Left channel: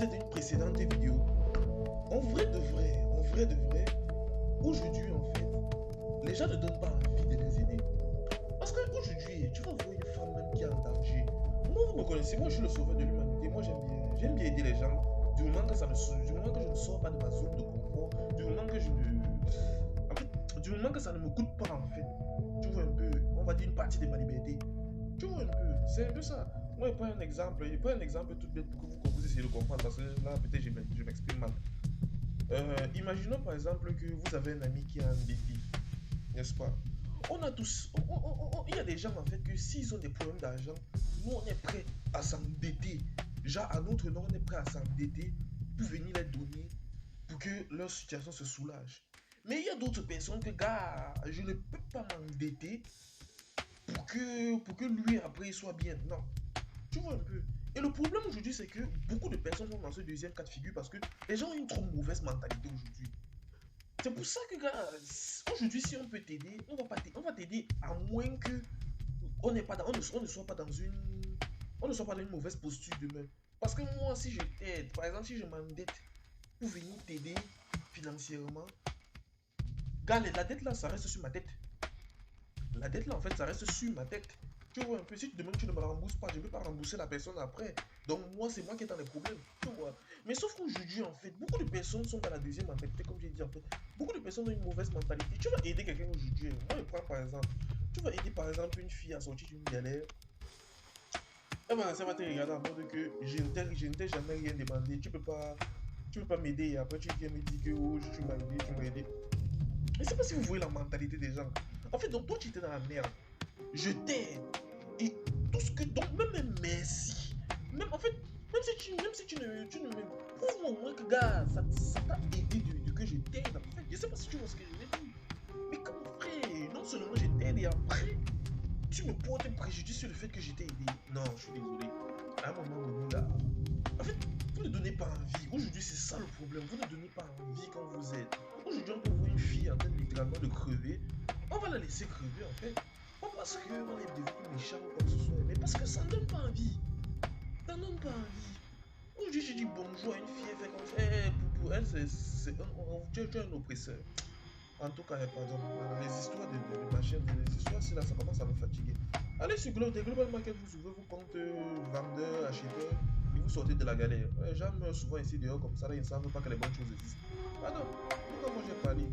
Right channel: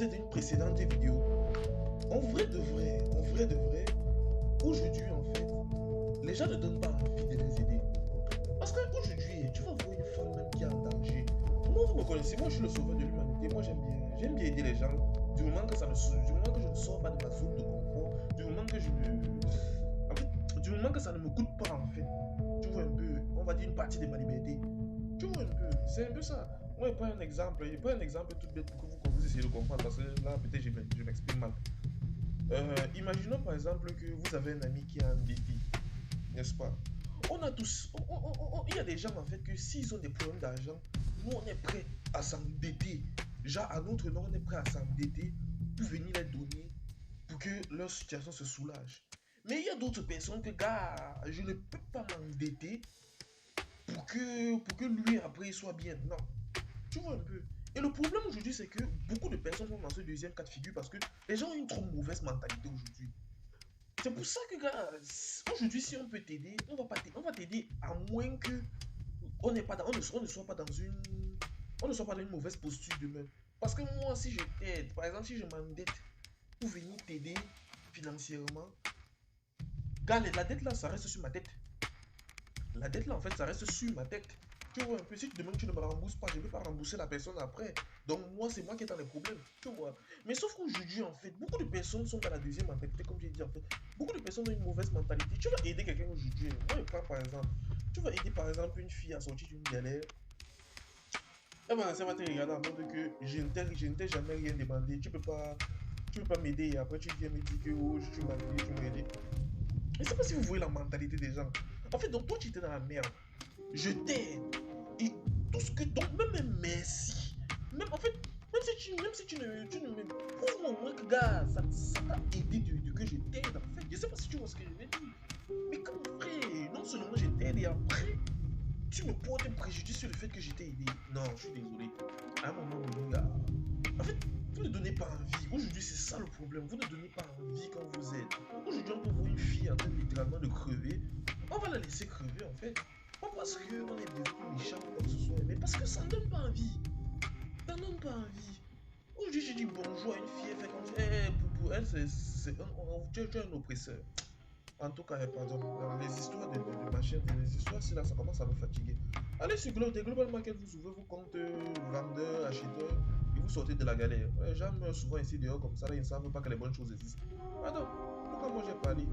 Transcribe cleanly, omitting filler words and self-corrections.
disais dans une précédente vidéo, en vrai de vrai, aujourd'hui en fait, les gens ne donnent pas envie de les aider. Parce qu'aujourd'hui, tu vas voir une femme même qui est en danger. Moi, vous me connaissez, moi je suis le sauveur de l'humanité. Moi j'aime bien aider les gens. Du moment que du moment que je ne sors pas de ma zone de confort, du moment que en fait, du moment que ça ne me coûte pas en fait. Tu vois un peu, on va dire une partie de ma liberté. Tu vois un peu, c'est un peu ça. Moi, je prends un exemple tout bête pour que vous essayez de comprendre parce que là, peut-être je m'exprime mal. Imaginons par exemple que vous avez un ami qui est endetté, n'est-ce pas? On a tous, il y a des gens en fait que s'ils ont des problèmes d'argent, nous on est prêt à s'endetter. Genre à notre nom, on est prêt à s'endetter pour venir les donner pour que leur situation se soulage. Mais il y a d'autres personnes que, gars, je ne peux pas m'endetter pour que lui après il soit bien. Non, tu vois un peu. Et le problème aujourd'hui, c'est que beaucoup de personnes sont dans ce deuxième cas de figure parce que les gens ont une trop mauvaise mentalité aujourd'hui. C'est pour ça que, gars, aujourd'hui, si on peut t'aider, on va t'aider à moins que on ne soit pas dans une mauvaise posture demain. Parce que moi, si je t'aide, par exemple, si je m'endette pour venir t'aider financièrement, gars, la dette là, ça reste sur ma tête. La dette là, en fait, ça reste sur ma tête. Tu vois un peu, si tu demandes que tu ne me rembourses pas, je ne peux pas rembourser la personne après. Donc moi, c'est moi qui est dans les problèmes. Tu vois. Mais sauf qu'aujourd'hui, en fait, beaucoup de personnes sont dans la deuxième mentalité, comme j'ai dit, en fait. Beaucoup de personnes ont une mauvaise mentalité. Tu vas aider quelqu'un aujourd'hui. Moi, je prends par exemple. Tu vas aider par exemple une fille à sortir d'une galère. Ça va te regarder en mode que je ne t'ai jamais rien demandé. Tu peux pas m'aider et après tu viens me dire que oh, tu m'as aidé, tu m'as aidé. Je ne sais pas si vous voyez la mentalité des gens. En fait, donc toi, tu étais dans la merde. Je t'aide. Et tout ce que. Donc, même un merci. Même, en fait, même si tu ne me. Prouve-moi au moins que, gars, ça t'a aidé de que je t'aide. En fait, je sais pas si tu vois ce que je veux dire. Mais comme frère, non seulement je t'aide et après, tu me portes un préjudice sur le fait que je t'ai aidé. Non, je suis désolé. À un moment donné, là. En fait, vous ne donnez pas envie. Aujourd'hui, c'est ça le problème. Vous ne donnez pas envie quand vous êtes. Aujourd'hui, on peut voir une fille en train littéralement de crever. On va la laisser crever, en fait. Pas parce qu'on est devenu méchant ou quoi que ce soit, mais parce que ça ne donne pas envie. Ça ne donne pas envie. Aujourd'hui, je dis bonjour à une fille, elle fait comme ça. Pour elle, tu es un oppresseur. En tout cas, pardon, les histoires de machines, les histoires, c'est là, ça commence à me fatiguer. Allez sur Global Market, vous ouvrez vos comptes vendeurs, acheteurs, et vous sortez de la galère. Les gens meurent souvent ici dehors comme ça, là, ils ne savent pas que les bonnes choses existent. Pardon, pourquoi moi j'ai parlé?